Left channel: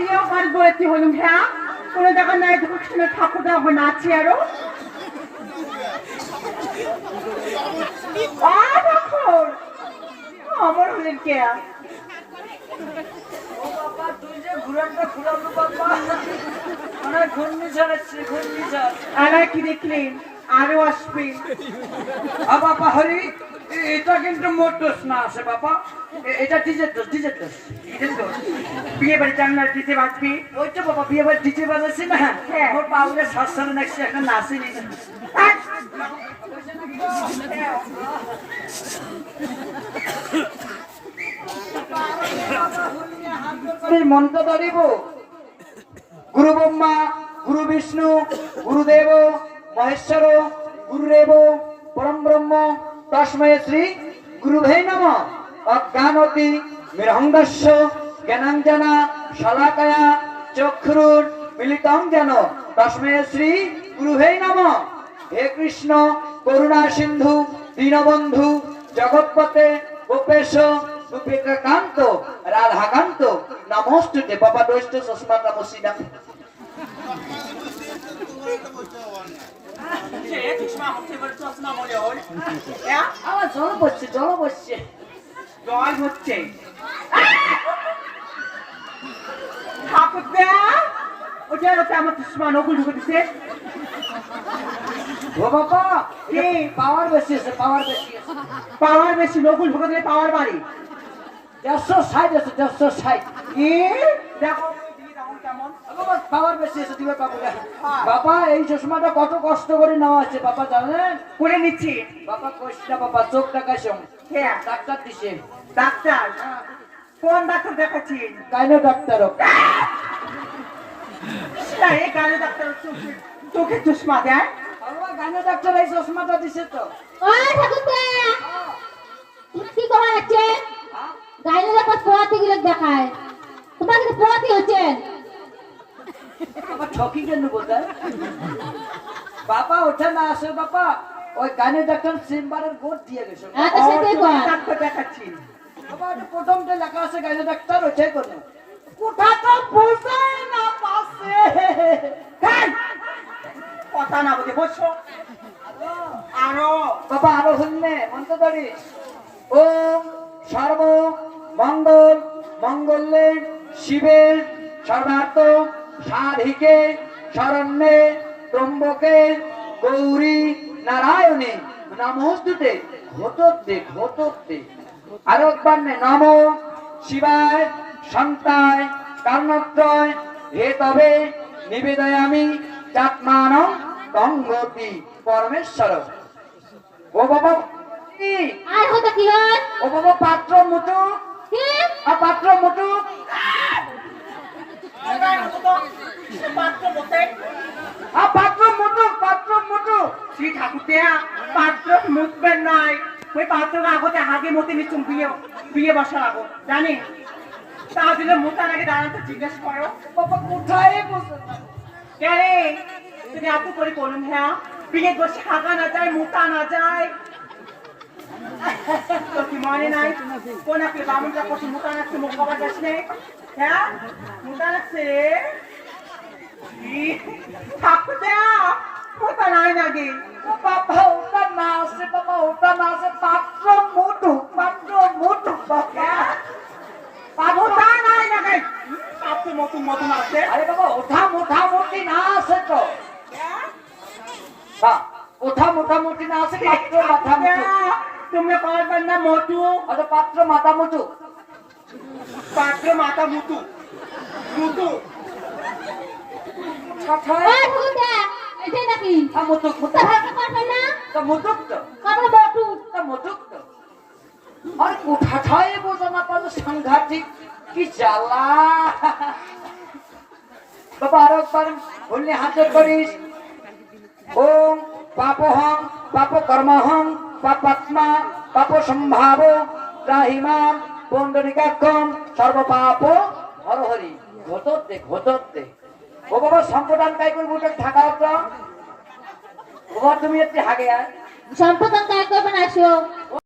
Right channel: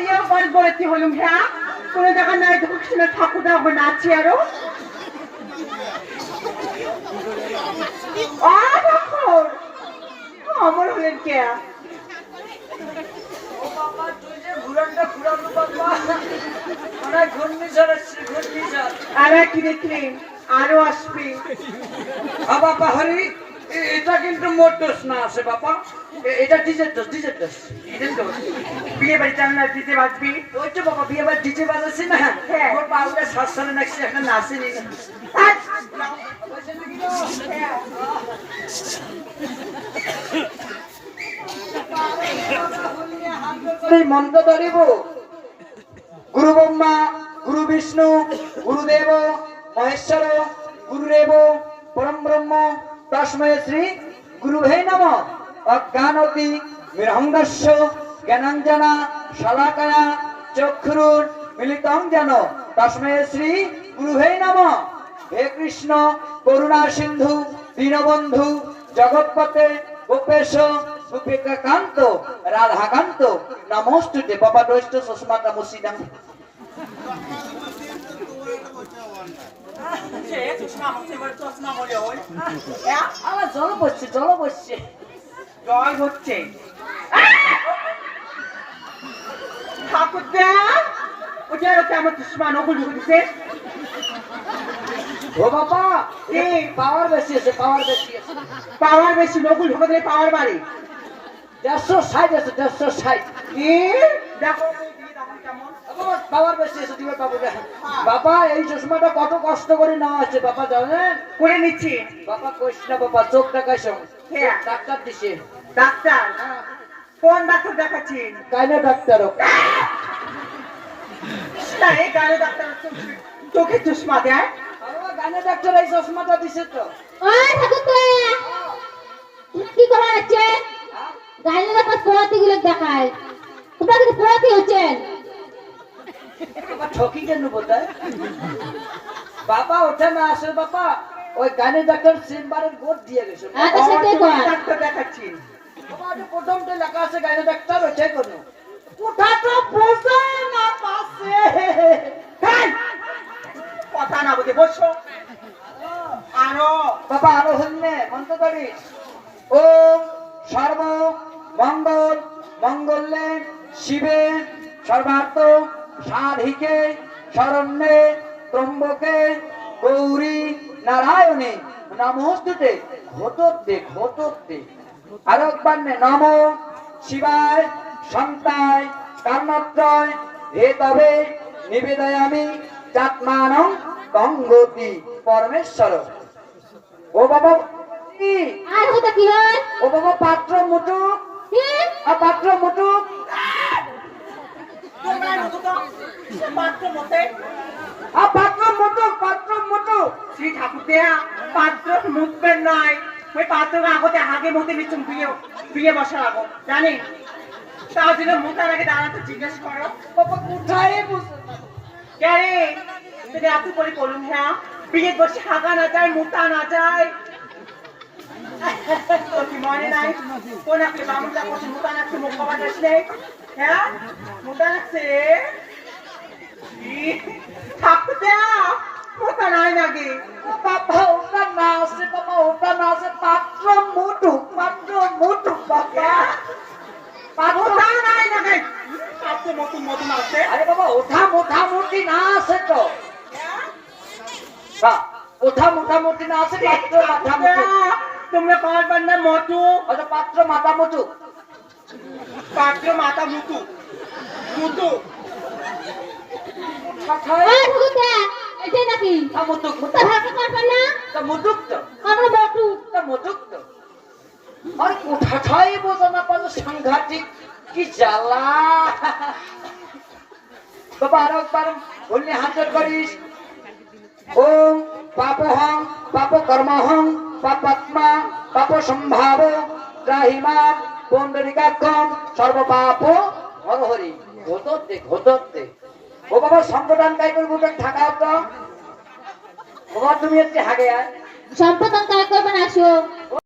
করেছি হলুম হ্যাঁ? কোনো জায়গা নাই দক্ষিণে ঠাকুর এখন আছে আরও। আমার হলেন কে? ও বাবা তুই যে ঘুরানটা ঘুরানো বাবা। ঘূর্ণিঝড় আসছে ঘূর্ণিঝড় আর কি দেখলি? আরও আসবে। বাবা হরি। এটা কিন্তু মোটরস না আছে বাবা। এটা ডিজেল দোষ তো বিয়ে বাড়িতে আমরা দিতে বাঁচবি ওই তো বাবা বিয়ে বার ডিজে বাজাচ্ছে না। হ্যাঁ। ওর পাউলে একটা নাচেনি এই মন্ত্র ধরিব গুরু ব্রহ্মা গুরু বিষ্ণু গুরুদেব মহেশ্বর গুরুদেব পরম ব্রহ্ম তস্ময় শ্রী গুরুভে নম অজ্ঞানতি মৃহঙ্গস্য জ্ঞানাঞ্জনা শলাকয়া চক্ষুরুর মিলিতং যেন তস্ময় শ্রী গুরুভে নম হে কৃষ্ণ করুণা সিন্ধু দীনবন্ধু জগৎপতে গোপেশ গোপিকাকান্ত রাধাকান্ত নমস্তুতে বাবা দৈষ্ট সুস্মাতা মুসিদাম আমার জল বসছে জল বসছে। জল হচ্ছে। ঠাকুর দেয়া ওটা ওকে আমার দুশ্মা নকুল ঢুকে দিছে। ও বাবা কি? পাওয়ার বেশি আছে পাওয়ার বেশি আছে। পাওয়ার বেশি নকুল ঢুকে পাওয়ার বাড়ি। দেড়শো ষাট আছে দেড়শো ষাট। কি? দেখো। দিবে পাবো বাবা এই চশমাটা কত কষ্ট করে নেওয়া আছে বাবা জানেন? করে নিচ্ছি। বাবা কইস না বাবা চোখ কে? ডাক্তার দিছে। ডাক্তার? কোন ডাক্তার দেখাচ্ছেন কাইনো ডাক্তার না এই ডাক্তার চোখে- চশমা দেয়? গানে ডাক্তার এই চশমাটা দিছে তো ঠাকুরদা তুমি কি করা আছে গাইলে একটা পোয়াতি গুলো দেখায় তোমরা কিন্তু পোয়াতি হচ্ছেন ঠকি কেন বোধহয় বাবা ওঠে না আসে বাবা। ওই গানে ডাক্তার চেম্বারের বোর্ড দিয়ে গেছে। কর ডাক্তার প্রথমটা লেখা আছে ডাক্তার ওইটাই কোথাটা না পাশে? কথা না বুঝে বসো। আরও। বাবা আরও হইনে মন্ত্র ওম সর্ব মঙ্গল মঙ্গলে শিবে সর্বার্থ সাধিকে শরণ্যে ত্রম্বকে গৌরী নারায়ণে নমস্তুতে ঘটতে ঘটতে আরও একবার নম শিবায় সন্তায় কর্ণত্রয় হে তবে নিবেদয়ামি চাত্মানং গঙ্গতি পরমেশ্বর। ও বাবা? আর হতো কি ও বাবা পাত্র মুটু পাত্র মুটু তোমরা মতো তো সে পাত্র মতে। আর পাত্র মুটু পাত্র মুটু শ্রী ঠাকুর পাত্র মুখবেন নাই। ওই পাত্র আগতে আগে মতে নিচ্ছুম বিয়ে বিয়ে বসা লাগো জানি? তার জন্য মুখার আগে দাঁড়াতে জিজ্ঞেস করো। কোথায় বসে? কে রে? এত করে বলুন হ্যাঁ? বিয়ে বসে হাগা না যায় মুখা না যায়। কি মনে নাই? কোন একটা বামুনটা করছে মুখা নাকছে মুখ হ্যাঁ? মুখা নাকছে তোমরা পারবার না মতো আরে পাত্র মাথা মুটু পাত্র মাথা মুতু। মুতু। আর কোঠাটাই বোঝা না পারলে সাংঘাতিক? কি জ্বালা? বাবা আরও একবার বললি হাতের করিস। ওম পাপহং পাপ কর্মহং পাপাত্মা পাপ সম্ভাব ত্রাহিমান পণ্ডরিকাক্ষম সর্বপাপ হরহরি। ও বাবা সম্প্রদান কাই করব ঢাকা বাবা তুমি একটু হাগে সম্পদ কাজ করবেন আসো।